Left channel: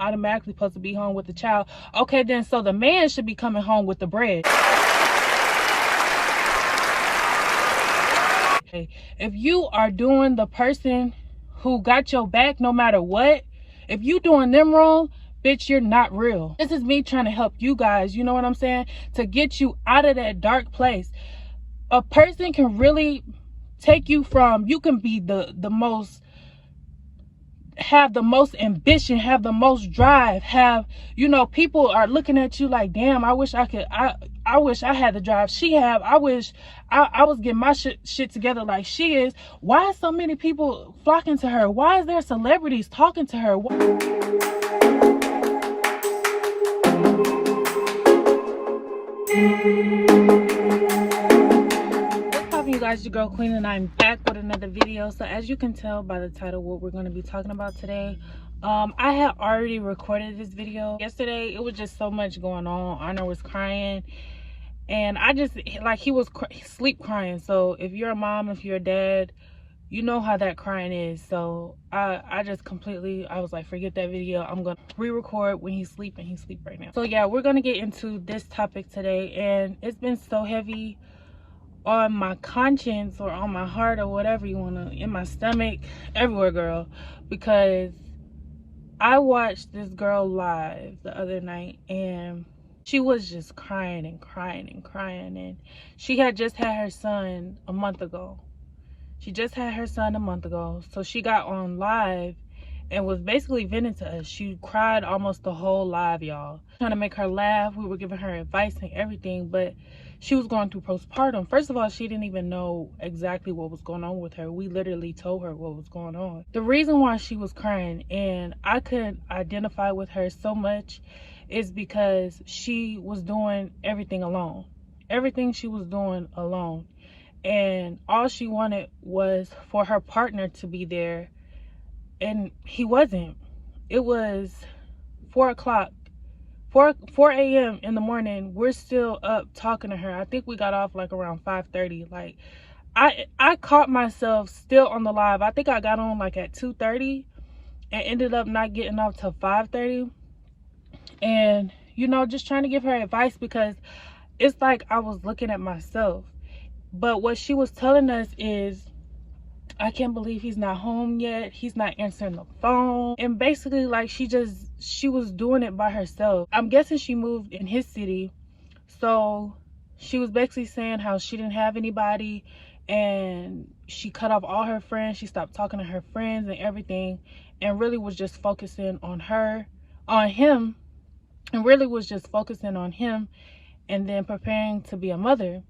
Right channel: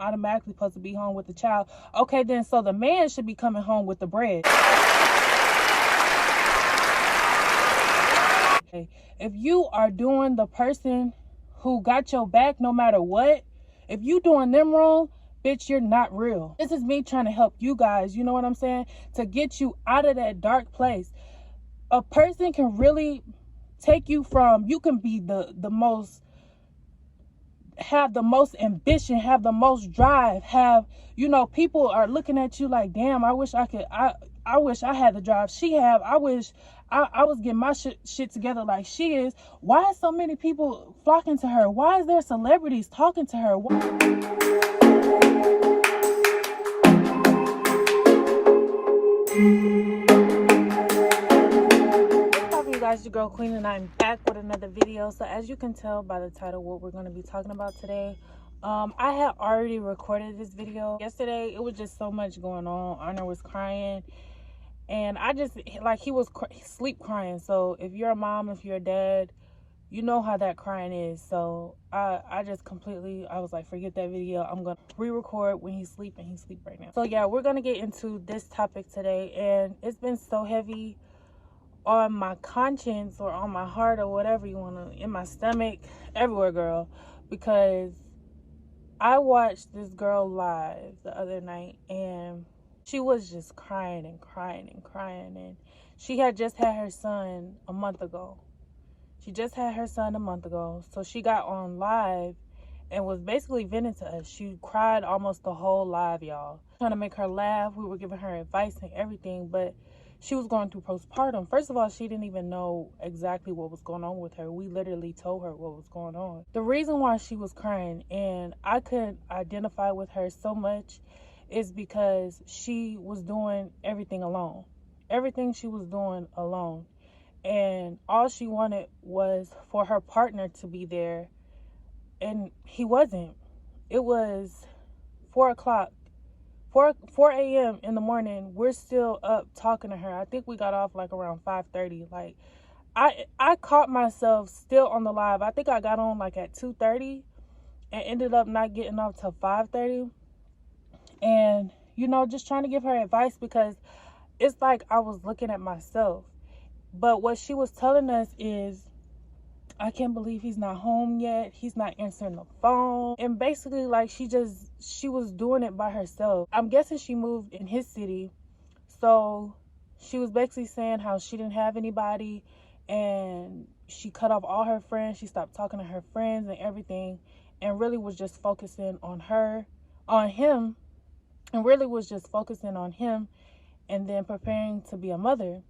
automatically supposed to be home with the child. Okay, then so the man should be coming home with the bread. Okay, if you are doing the person who got your back no matter what, if you doing them wrong, bitch, you're not real. This is me trying to help you guys, you know what I'm saying? To get you out of that dark place. A person can really take you from, you can be the most, have the most ambition, have the most drive, have, you know, people are looking at you like, damn, I wish I could, I wish I had the drive she have. I wish I was getting my shit together like she is. Why are so many people flocking to her? Why is there celebrities talking to her? You guys, your girl Queen, and I'm back with another video. So as you can tell by the title what we're going to be talking about today, I had already recorded this video yesterday. It was just so much going on. Honor was crying, and I just, like, he was sleep crying. So if you're a mom, if you're a dad, you know how that crying is. So I just completely, I was like, forget that video. I'm gonna re-record when he's sleeping. He's asleep right now. So yeah, we're gonna get into this topic today, and it's been so heavy on my conscience or on my heart or whatever you want to, in my stomach, everywhere, girl, because I watched this girl live the other night, and she was just crying and crying and crying, and she had just had her son a month ago. So she got on live and was basically venting to us. She cried almost the whole live, y'all, trying to make her laugh. We were giving her advice and everything, but she was going through postpartum. First of all, she didn't even know exactly what was going on with her. We literally told her what was going on. The reason why she was crying, and I could identify with her so much, is because she was doing everything alone. Everything she was doing alone. And all she wanted was for her partner to be there, and he wasn't. It was 4 a.m. in the morning. We're still up talking to her. I think we got off like around 5:30. Like, I caught myself still on the live. I think I got on like at 2:30 and ended up not getting off till 5:30. And, you know, just trying to give her advice, because it's like I was looking at myself. But what she was telling us is, I can't believe he's not home yet. He's not answering the phone. And basically, like, she was doing it by herself. I'm guessing she moved in his city. So she was basically saying how she didn't have anybody, and she cut off all her friends. She stopped talking to her friends and everything, and really was just focusing on him, and then preparing to be a mother.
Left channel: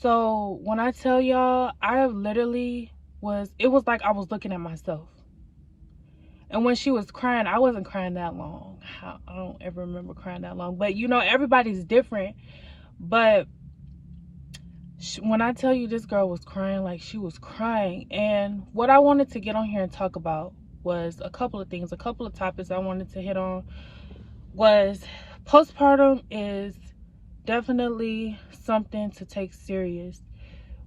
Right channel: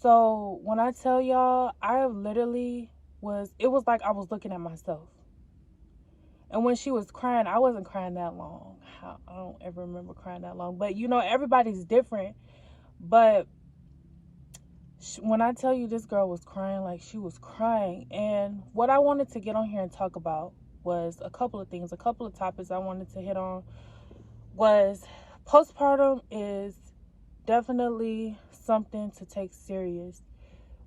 So when I tell y'all, I literally it was like I was looking at myself. And when she was crying, I wasn't crying that long. I don't ever remember crying that long. But, you know, everybody's different. But when I tell you, this girl was crying like she was crying. And what I wanted to get on here and talk about was a couple of things. A couple of topics I wanted to hit on was postpartum is definitely something to take serious.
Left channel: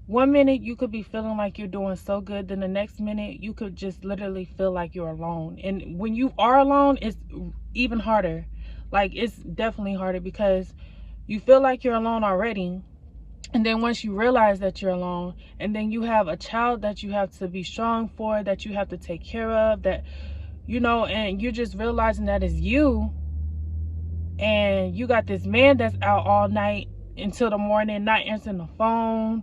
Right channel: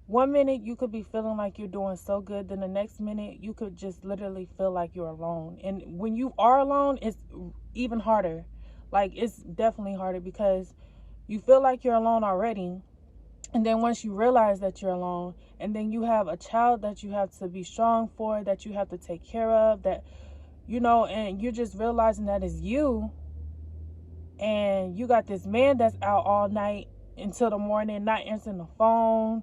1 minute you could be feeling like you're doing so good, then the next minute you could just literally feel like you're alone. And when you are alone, it's even harder. Like, it's definitely harder, because you feel like you're alone already, and then once you realize that you're alone, and then you have a child that you have to be strong for, that you have to take care of, that, you know, and you're just realizing that it's you, and you got this man that's out all night until the morning, not answering the phone,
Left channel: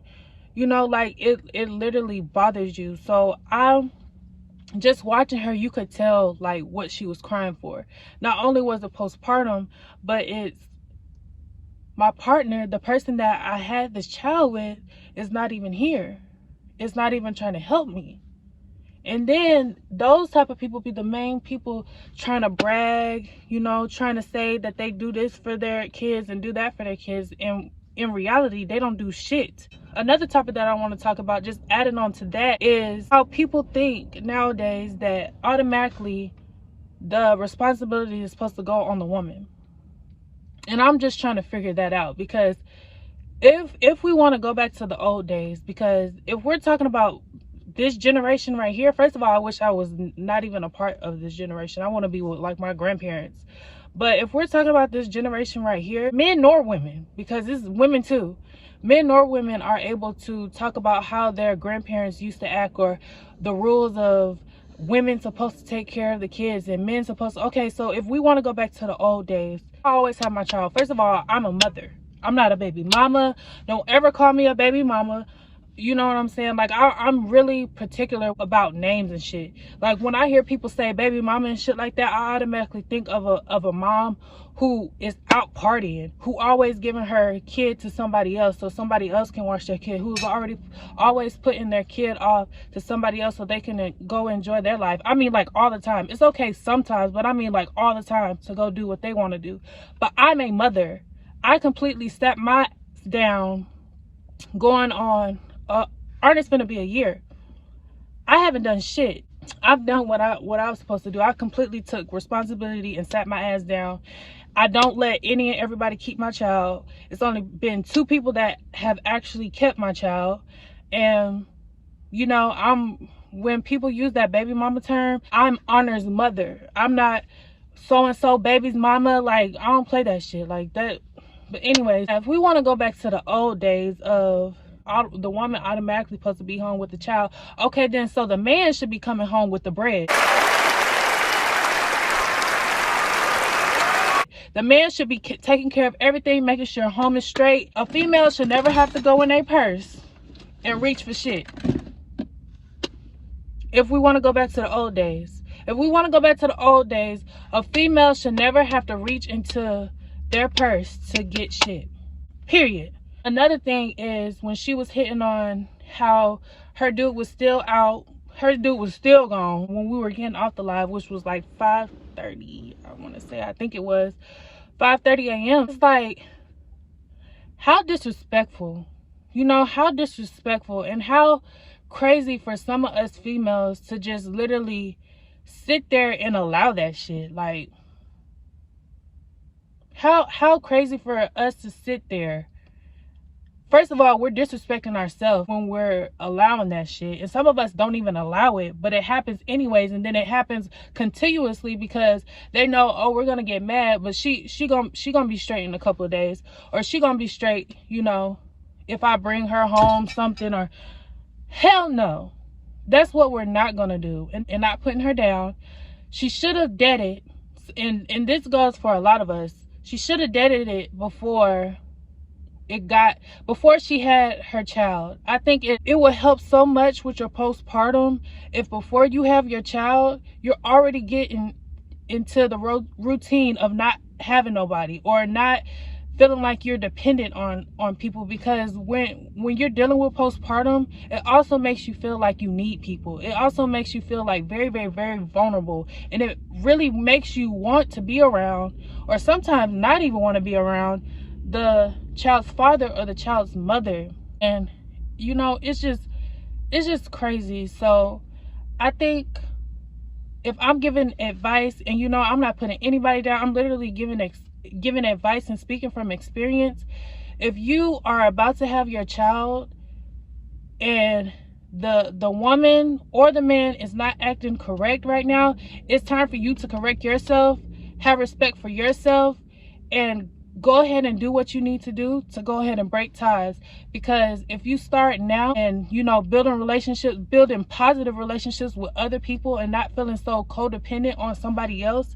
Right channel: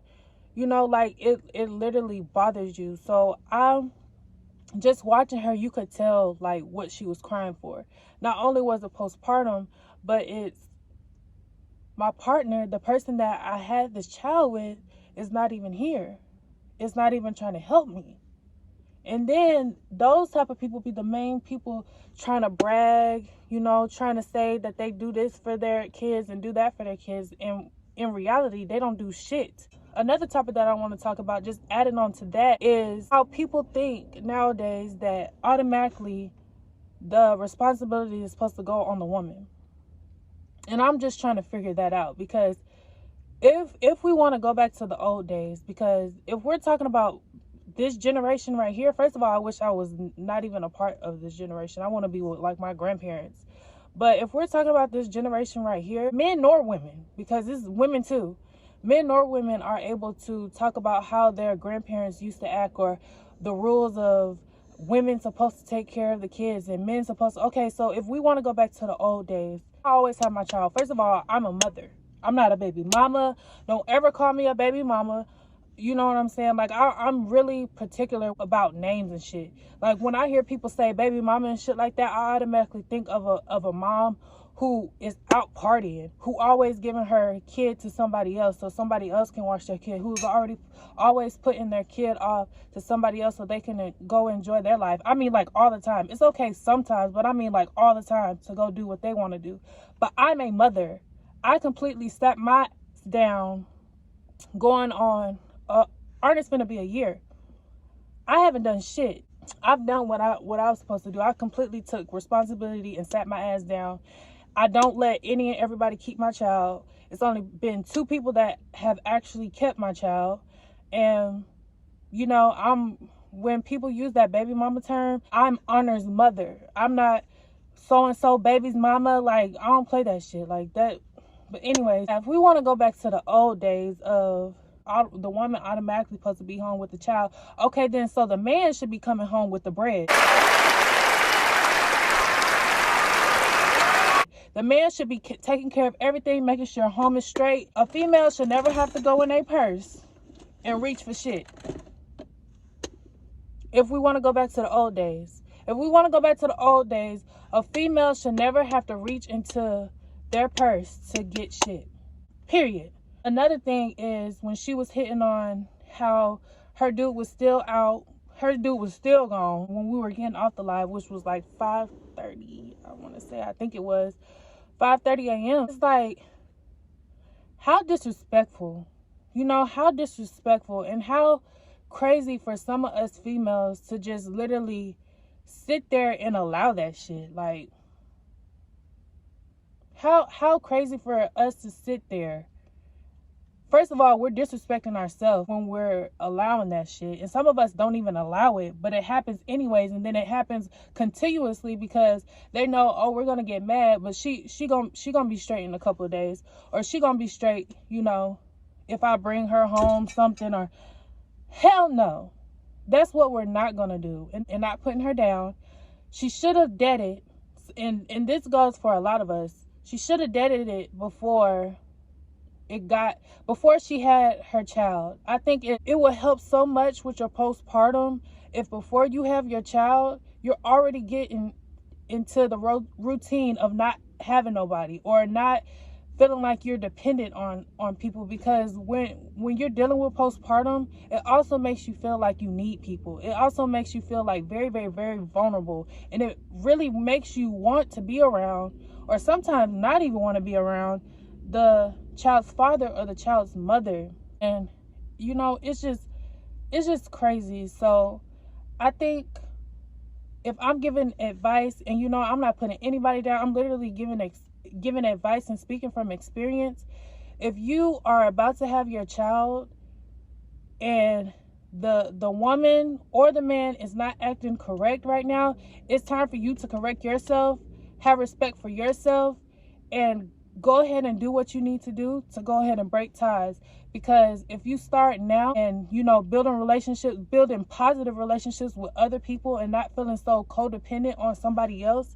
you know, like, it literally bothers you. So I'm just watching her, you could tell like what she was crying for. Not only was it postpartum, but it's my partner, the person that I had this child with, is not even here. It's not even trying to help me. And then those type of people be the main people trying to brag, you know, trying to say that they do this for their kids and do that for their kids. And in reality, they don't do shit. Another topic that I want to talk about, just adding on to that, is how people think nowadays that automatically the responsibility is supposed to go on the woman. And I'm just trying to figure that out, because if we want to go back to the old days, because if we're talking about this generation right here, first of all, I wish I was not even a part of this generation. I want to be with like my grandparents. But if we're talking about this generation right here, men nor women, because this is women too, men nor women are able to talk about how their grandparents used to act, or the rules of women supposed to take care of the kids and men supposed to. Okay, so if we want to go back to the old days, I always have my child. First of all, I'm a mother. I'm not a baby mama. Don't ever call me a baby mama. You know what I'm saying? Like, I'm really particular about names and shit. Like, when I hear people say baby mama and shit like that, I automatically think of a mom who is out partying, who always giving her kid to somebody else so somebody else can watch their kid, who's already always putting their kid off to somebody else so they can go enjoy their life. I mean, like, all the time. It's okay sometimes, but I mean, like, all the time to go do what they want to do. But I'm a mother. I completely stepped my down going on. It's gonna be a year. I haven't done shit. I've done what I was supposed to do. I completely took responsibility and sat my ass down. I don't let any and everybody keep my child. It's only been 2 people that have actually kept my child. And you know, when people use that baby mama term, I'm Honor's mother. I'm not so and so baby's mama. Like, I don't play that shit like that. But anyways, if we want to go back to the old days of the woman automatically supposed to be home with the child, okay, then so the man should be coming home with the bread. The man should be taking care of everything, making sure home is straight. A female should never have to go in their purse and reach for shit. If we want to go back to the old days, a female should never have to reach into their purse to get shit. Period. Another thing is, when she was hitting on how her dude was still out, her dude was still gone when we were getting off the live, which was like 5:30, I want to say. I think it was 5:30 a.m. It's like, how disrespectful. You know, how disrespectful, and how crazy for some of us females to just literally sit there and allow that shit. Like, how crazy for us to sit there. First of all, we're disrespecting ourselves when we're allowing that shit. And some of us don't even allow it, but it happens anyways. And then it happens continuously because they know, oh, we're going to get mad, but she gonna be straight in a couple of days. Or she going to be straight, you know, if I bring her home something. Or hell no. That's what we're not going to do. And not putting her down. She should have deaded. And this goes for a lot of us. She should have deaded it before she had her child. I think it would help so much with your postpartum if before you have your child, you're already getting into the routine of not having nobody, or not feeling like you're dependent on people. Because when you're dealing with postpartum, it also makes you feel like you need people. It also makes you feel like very, very, very vulnerable, and it really makes you want to be around, or sometimes not even want to be around, the child's father or the child's mother. And you know, it's just crazy. So I think if I'm giving advice, and you know, I'm not putting anybody down, I'm literally giving advice and speaking from experience. If you are about to have your child and the woman or the man is not acting correct right now, it's time for you to correct yourself, have respect for yourself, and go ahead and do what you need to do to go ahead and break ties. Because if you start now and, you know, building positive relationships with other people and not feeling so codependent on somebody else,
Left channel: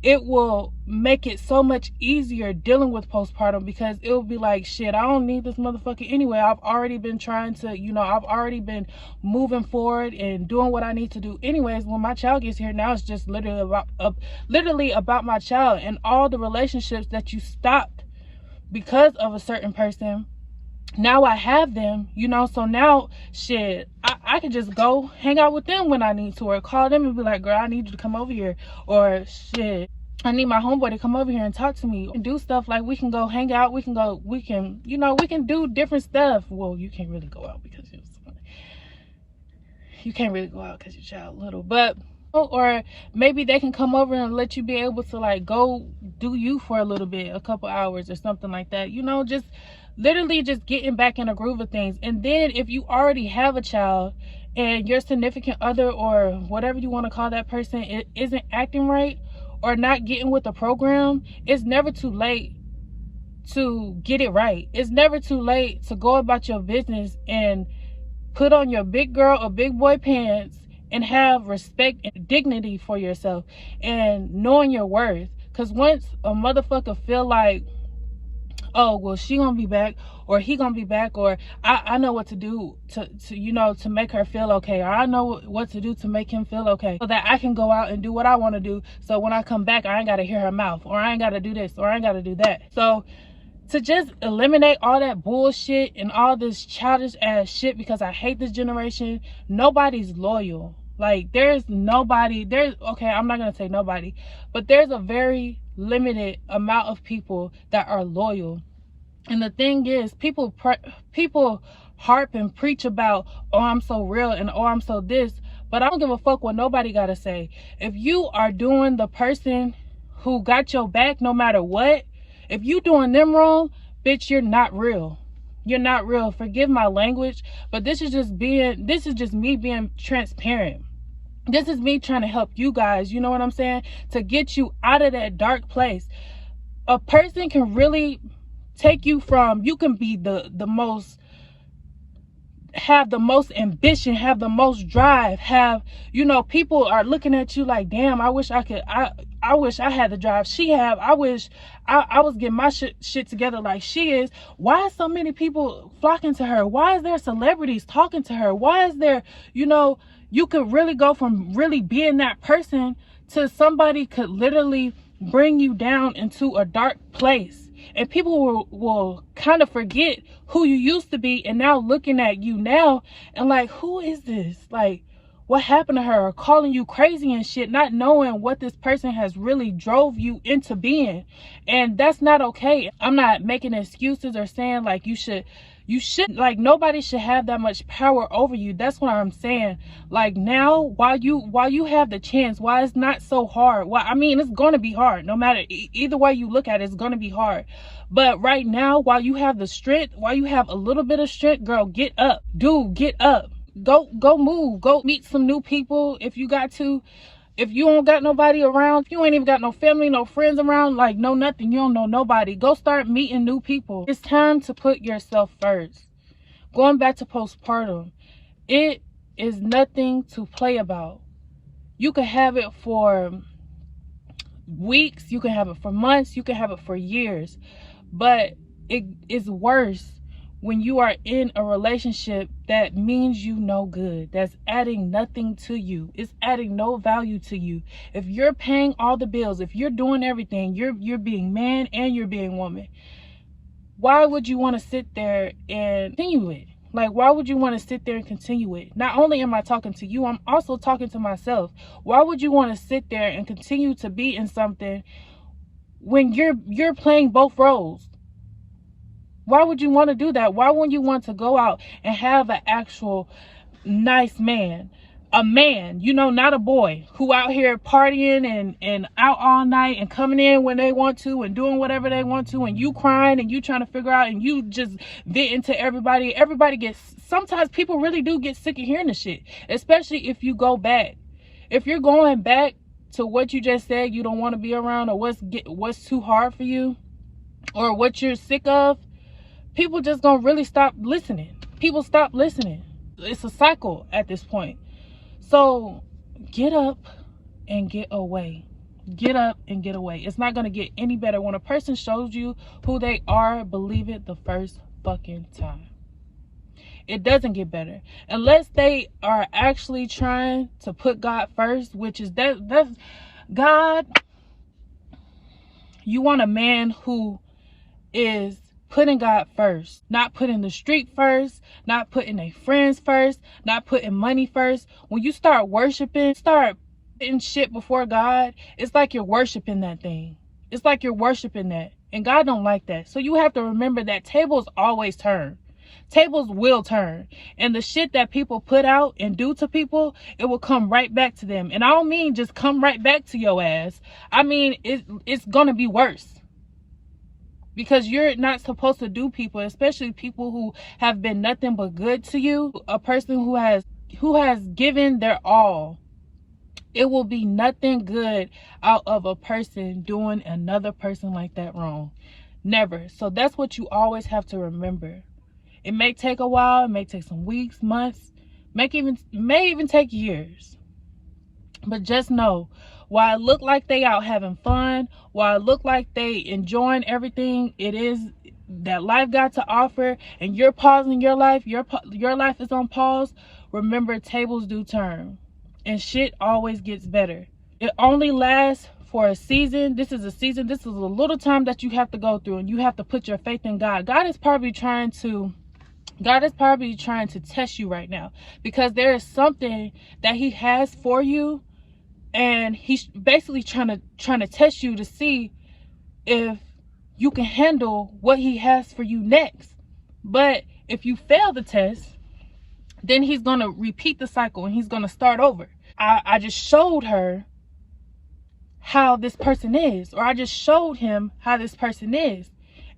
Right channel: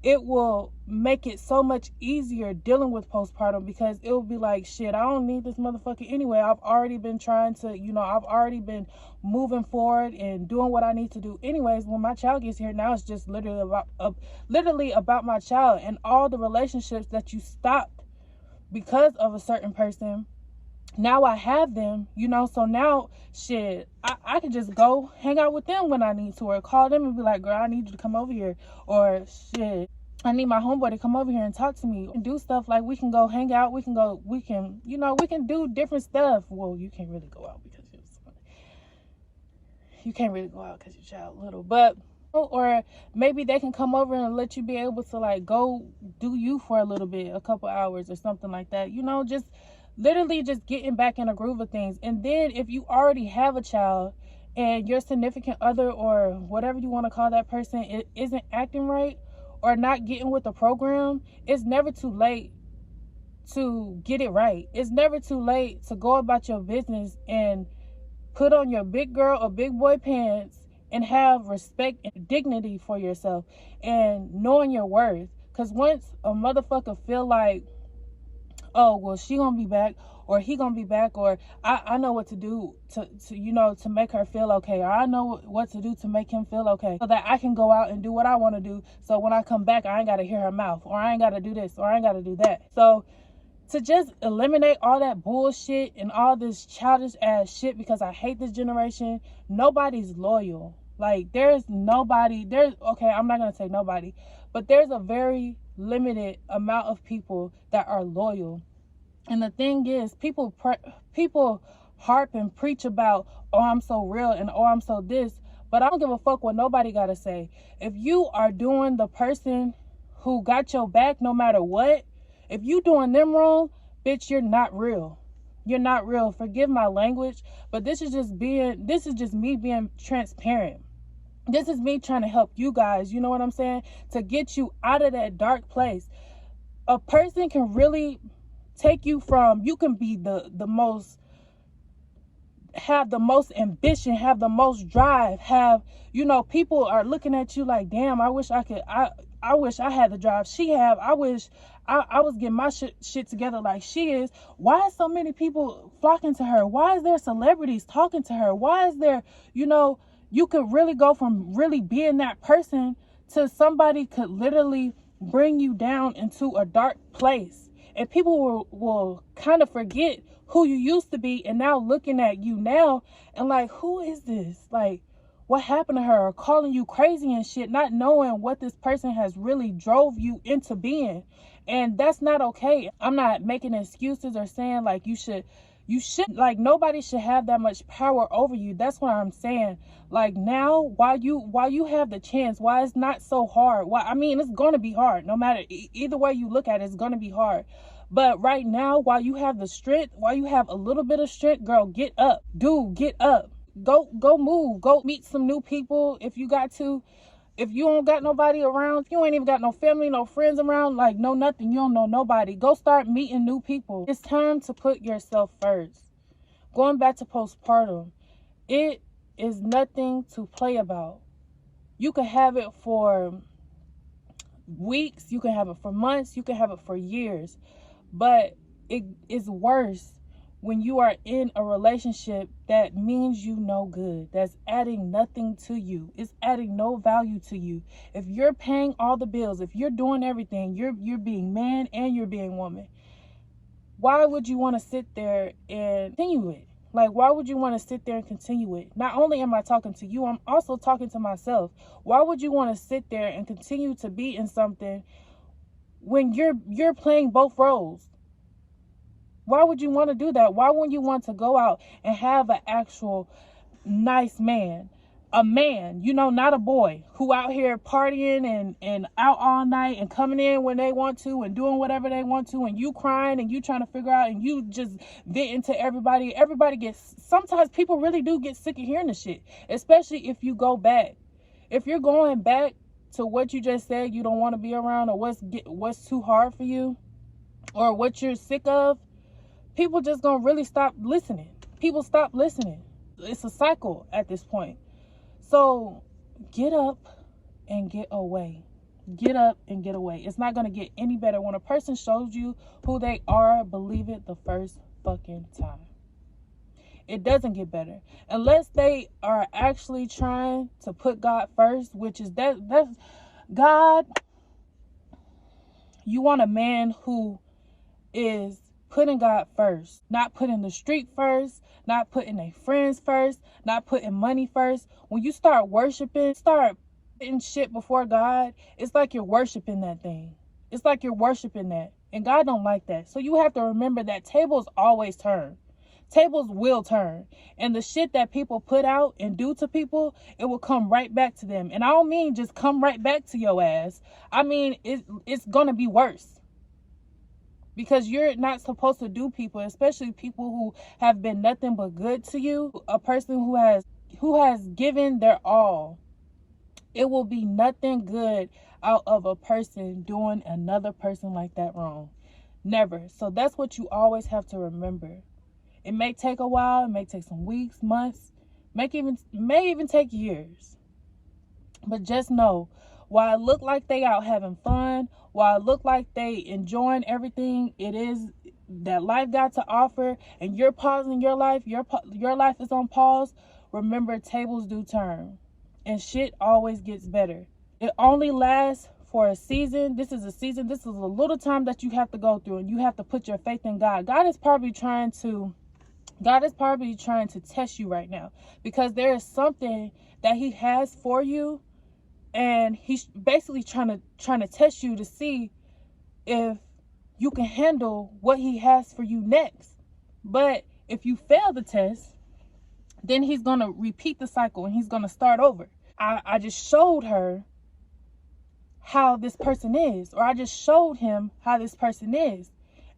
it will make it so much easier dealing with postpartum. Because it will be like, shit, I don't need this motherfucker anyway. I've already been trying to, you know, I've already been moving forward and doing what I need to do anyways. When my child gets here, now it's just literally about my child, and all the relationships that you stopped because of a certain person. Now I have them, you know, so now shit, I can just go hang out with them when I need to, or call them and be like, girl, I need you to come over here, or shit, I need my homeboy to come over here and talk to me and do stuff. Like, we can go hang out, we can do different stuff. Well, you can't really go out because your child little, but or maybe they can come over and let you be able to like go do you for a little bit, a couple hours or something like that, you know, just literally just getting back in a groove of things. And then if you already have a child and your significant other or whatever you want to call that person isn't acting right or not getting with the program, it's never too late to get it right. It's never too late to go about your business and put on your big girl or big boy pants and have respect and dignity for yourself and knowing your worth. Because once a motherfucker feel like, oh, well, she gonna be back or he gonna be back, or I know what to do to you know, to make her feel okay, or I know what to do to make him feel okay, so that I can go out and do what I want to do, so when I come back I ain't gotta hear her mouth, or I ain't gotta do this, or I ain't gotta do that. So to just eliminate all that bullshit and all this childish ass shit, because I hate this generation. Nobody's loyal. Like, there's nobody, okay, I'm not gonna say nobody, but there's a very limited amount of people that are loyal. And the thing is, people harp and preach about, oh, I'm so real, and oh, I'm so this, but I don't give a fuck what nobody gotta say. If you are doing the person who got your back no matter what, if you doing them wrong, bitch, you're not real. You're not real. Forgive my language, but this is just me being transparent. This is me trying to help you guys, you know what I'm saying? To get you out of that dark place. A person can really take you from, you can be the most, have the most ambition, have the most drive, have, you know, people are looking at you like, damn, I wish I could, I wish I had the drive she have. I wish I was getting my shit together like she is. Why is so many people flocking to her? Why is there celebrities talking to her? Why is there, you know, you could really go from really being that person to somebody could literally bring you down into a dark place. And people will kind of forget who you used to be, and now looking at you now and like, who is this? Like, what happened to her? Or calling you crazy and shit, not knowing what this person has really drove you into being. And that's not okay. I'm not making excuses or saying like you should, like, nobody should have that much power over you. That's what I'm saying. Like, now, while you have the chance, why it's not so hard. Well, I mean, it's gonna be hard no matter either way you look at it. It's gonna be hard. But right now, while you have the strength, while you have a little bit of strength, girl, get up. Dude, get up. Go move. Go meet some new people if you got to. If you don't got nobody around, if you ain't even got no family, no friends around, like, no nothing, you don't know nobody, go start meeting new people. It's time to put yourself first. Going back to postpartum, it is nothing to play about. You can have it for weeks, you can have it for months, you can have it for years, but it is worse when you are in a relationship that means you no good, that's adding nothing to you, it's adding no value to you. If you're paying all the bills, if you're doing everything, you're being man and you're being woman, why would you want to sit there and continue it? Like, why would you want to sit there and continue it? Not only am I talking to you, I'm also talking to myself. Why would you want to sit there and continue to be in something when you're playing both roles? Why would you want to do that? Why wouldn't you want to go out and have an actual nice man? A man, you know, not a boy who out here partying and out all night and coming in when they want to and doing whatever they want to, and you crying and you trying to figure out and you just venting to everybody. Everybody gets, sometimes people really do get sick of hearing the shit, especially if you go back. If you're going back to what you just said you don't want to be around, or what's too hard for you, or what you're sick of, people just gonna really stop listening. People stop listening. It's a cycle at this point. So get up and get away. Get up and get away. It's not gonna get any better. When a person shows you who they are, believe it the first fucking time. It doesn't get better unless they are actually trying to put God first, which is that's God. You want a man who is putting God first, not putting the street first, not putting their friends first, not putting money first. When you start worshiping, start putting shit before God, it's like you're worshiping that thing. It's like you're worshiping that. And God don't like that. So you have to remember that tables always turn. Tables will turn. And the shit that people put out and do to people, it will come right back to them. And I don't mean just come right back to your ass. I mean, it's gonna be worse. Because you're not supposed to do people, especially people who have been nothing but good to you. A person who has given their all. It will be nothing good out of a person doing another person like that wrong. Never. So that's what you always have to remember. It may take a while, it may take some weeks, months, may even take years. But just know, while it look like they out having fun, while it look like they enjoying everything it is that life got to offer, and you're pausing your life, your life is on pause, remember, tables do turn. And shit always gets better. It only lasts for a season. This is a season. This is a little time that you have to go through, and you have to put your faith in God. God is probably trying to test you right now, because there is something that he has for you, and he's basically trying to test you to see if you can handle what he has for you next. But if you fail the test, then he's going to repeat the cycle and he's going to start over. I just showed her how this person is, or I just showed him how this person is.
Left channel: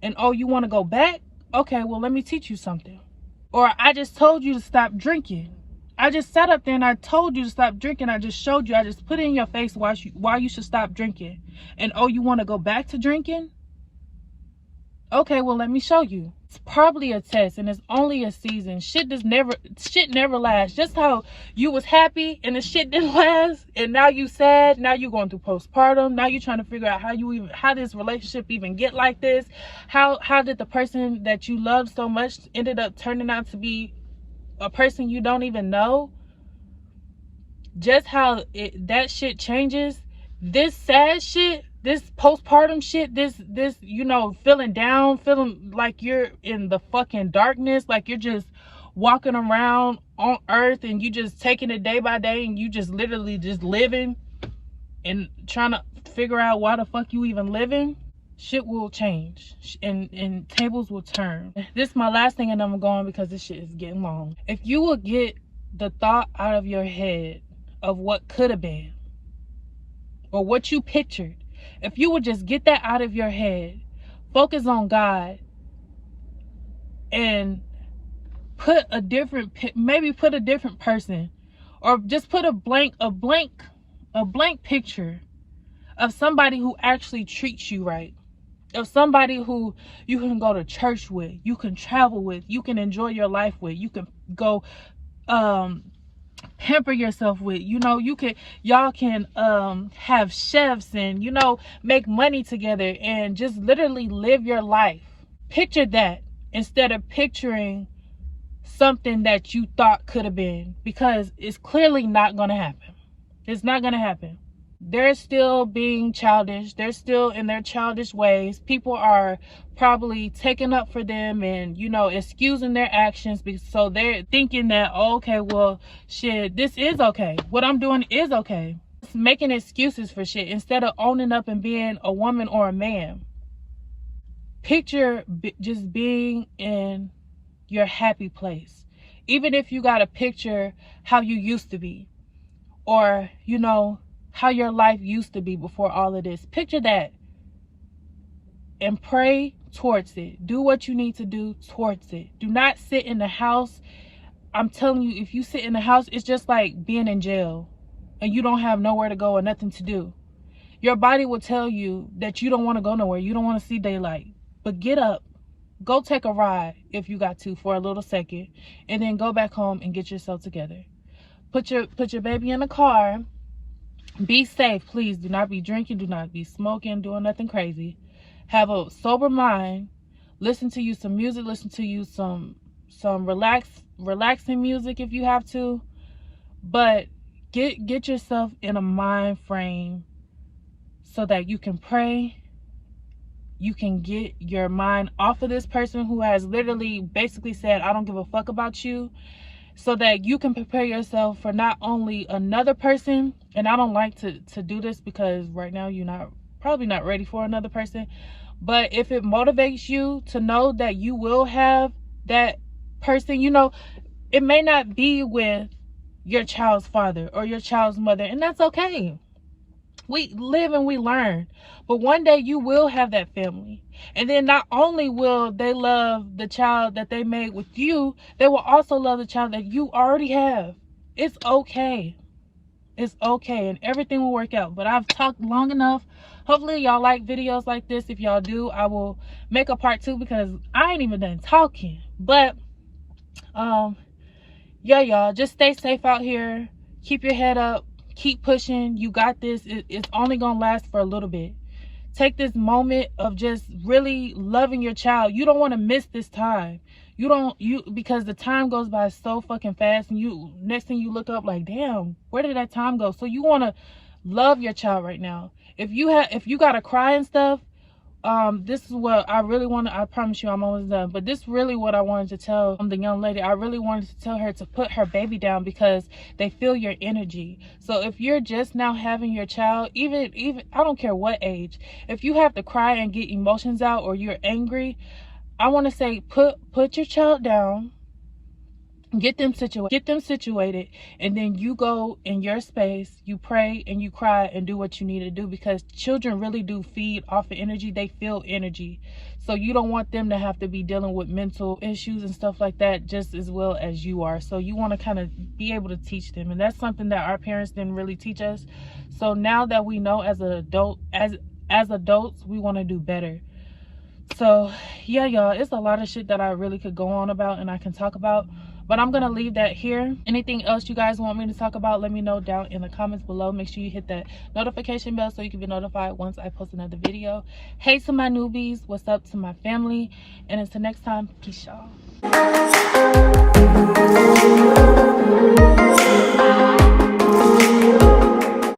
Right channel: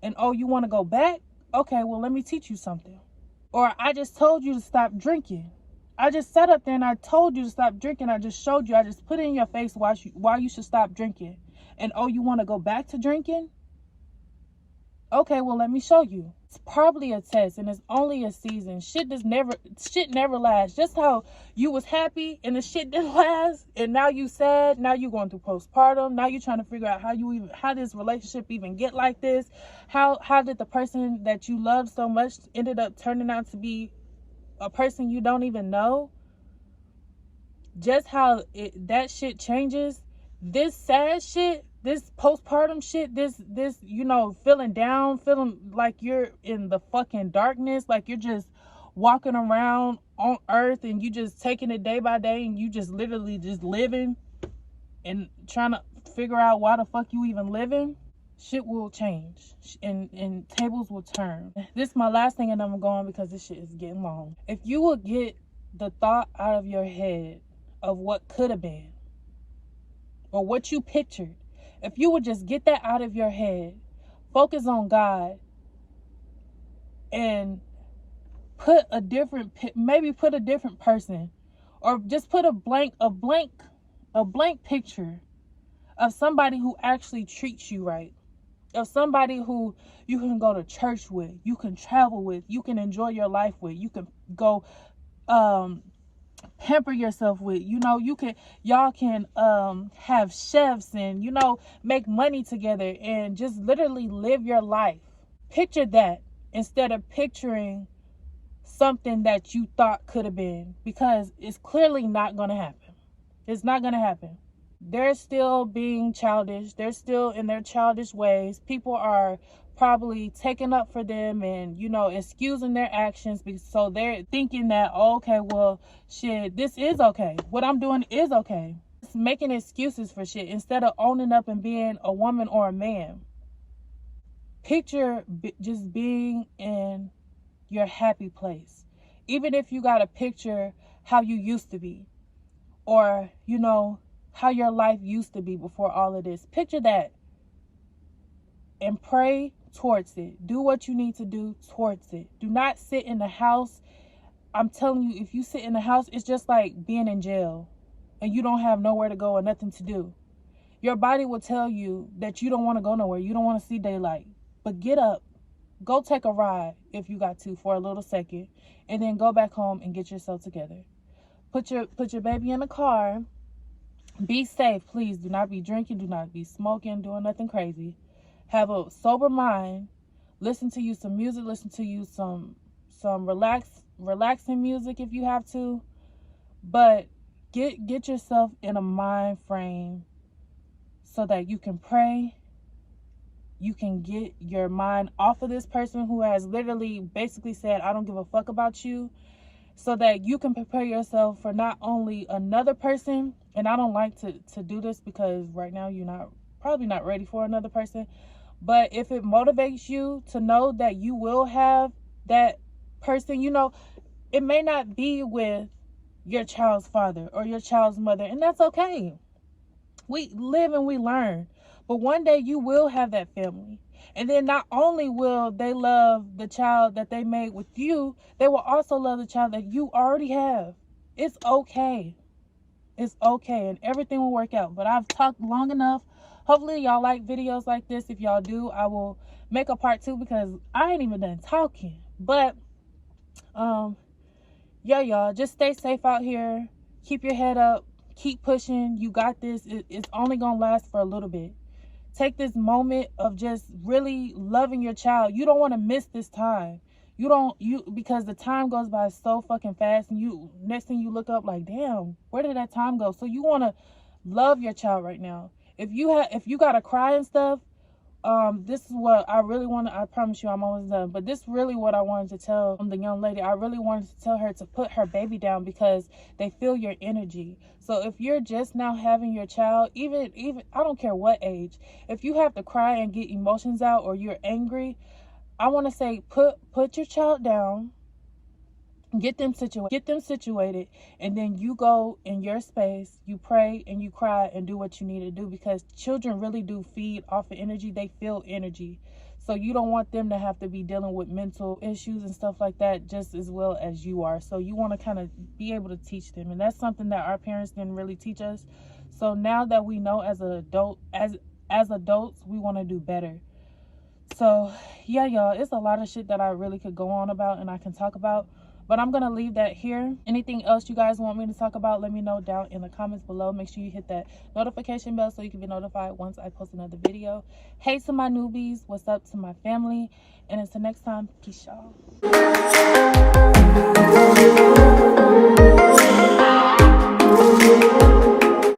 And oh, you want to go back? Okay, well, let me teach you something. Or I just told you to stop drinking. I just sat up there and I told you to stop drinking. I just showed you. I just put it in your face why you should stop drinking. And oh, you want to go back to drinking? Okay, well, let me show you. It's probably a test, and it's only a season. Shit never lasts. Just how you was happy and the shit didn't last, and now you sad. Now you going through postpartum. Now you trying to figure out how this relationship even get like this. How did the person that you loved so much ended up turning out to be a person you don't even know? Just how that shit changes. This sad shit, this postpartum shit, this feeling down, feeling like you're in the fucking darkness, like you're just walking around on earth and you just taking it day by day, and you just literally just living and trying to figure out why the fuck you even living. Shit will change and tables will turn. This is my last thing, and I'm going because this shit is getting long. If you will get the thought out of your head of what could have been, or what you pictured, if you would just get that out of your head, focus on God, and put a different person, or just put a blank picture of somebody who actually treats you right, of somebody who you can go to church with, you can travel with, you can enjoy your life with, you can go pamper yourself with, y'all can have chefs and make money together and just literally live your life. Picture that instead of picturing something that you thought could have been, because it's clearly not going to happen. It's not going to happen. They're still being childish. They're still in their childish ways. People are probably taking up for them and, excusing their actions. So they're thinking that, oh, okay, well, shit, this is okay. What I'm doing is okay. It's making excuses for shit instead of owning up and being a woman or a man. Picture just being in your happy place. Even if you got to picture how you used to be, or, how your life used to be before all of this. Picture that and pray towards it. Do what you need to do towards it. Do not sit in the house. I'm telling you, if you sit in the house, it's just like being in jail and you don't have nowhere to go or nothing to do. Your body will tell you that you don't want to go nowhere. You don't want to see daylight. But get up. Go take a ride if you got to for a little second, and then go back home and get yourself together. Put your baby in the car. Be safe, please. Do not be drinking. Do not be smoking, doing nothing crazy. Have a sober mind. Listen to you some music. Listen to you some relaxing music if you have to. But get yourself in a mind frame so that you can pray. You can get your mind off of this person who has literally basically said, I don't give a fuck about you, so that you can prepare yourself for not only another person. And I don't like to do this because right now you're probably not ready for another person. But if it motivates you to know that you will have that person, it may not be with your child's father or your child's mother, and that's okay. We live and we learn. But one day you will have that family. And then not only will they love the child that they made with you, they will also love the child that you already have. It's okay. It's okay, and everything will work out. But I've talked long enough. Hopefully y'all like videos like this. If y'all do, I will make a part 2 because I ain't even done talking. But yeah, y'all, just stay safe out here. Keep your head up. Keep pushing. You got this. It's only gonna last for a little bit. Take this moment of just really loving your child. You don't want to miss this time. Because the time goes by so fucking fast, and you, next thing you look up like, damn, where did that time go? So you want to love your child right now. If you gotta cry and stuff, this is what I really want to, I promise you I'm almost done, but this really what I wanted to tell the young lady. I really wanted to tell her to put her baby down because they feel your energy. So if you're just now having your child, even I don't care what age, if you have to cry and get emotions out, or you're angry, I want to say put your child down, get them situated, and then you go in your space, you pray and you cry and do what you need to do, because children really do feed off of energy. They feel energy. So you don't want them to have to be dealing with mental issues and stuff like that just as well as you are. So you want to kind of be able to teach them, and that's something that our parents didn't really teach us. So now that we know as adults, we want to do better. So yeah, y'all, it's a lot of shit that I really could go on about and I can talk about, but I'm gonna leave that here. Anything else you guys want me to talk about, let me know down in the comments below. Make sure you hit that notification bell so you can be notified once I post another video. Hey to my newbies, what's up to my family, and until next time, peace, y'all.